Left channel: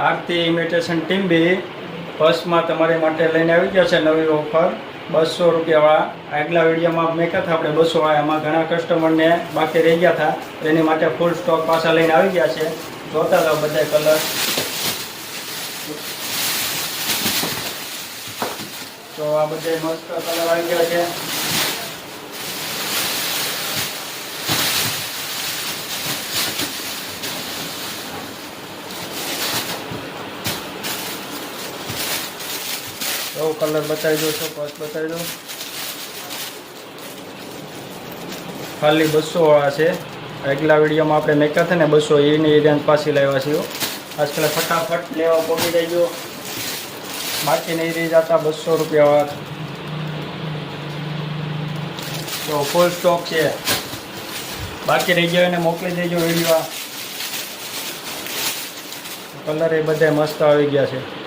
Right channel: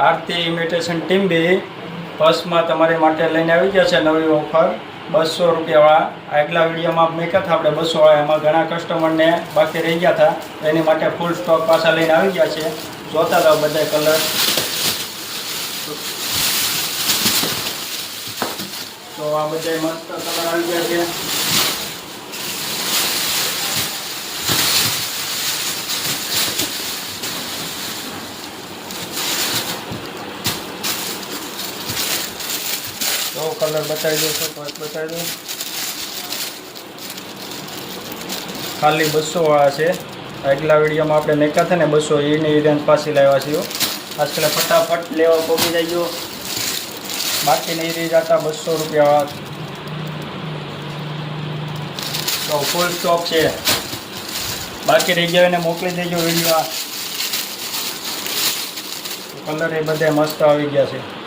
આરતી imitation team બી બસમાં તમારી માટે લઈને આવી ગયા છે નવી ઓફર 200 રૂપિયાવાળા. આગલા વિડીયોમાં મેં કહેતા આપણે 200 વાળા, એમાં ઘણા કસ્ટમરને બાકી રહી ગયા હતા, એની માટે ફૂલ સ્ટોક પાછા લઈને આવી ગયા છે. જોતા જાઓ બધા કલર. તો આ બધા મસ્ત કલર આવી ગયા છે. તો કલર બતાવી દો, છો પર્સ બતાવી દો. ખાલી 200 વાળા છે. આગલા વિડીયોમાં આપણે મેકા હતા ને 200, એની રેન્જ પાછી લાવ્યા છીએ. આજકાલ ફટાફટ લેવા પહોંચી જાય ગયો, બાકી નહીં રહી જતા 200 રૂપિયા. તો ફૂલ સ્ટોક છે, બાકી રહી ગયો એને મોકલી દેજો વિડીયો. કલર એ બધા મસ્ત આવી ગયા છે.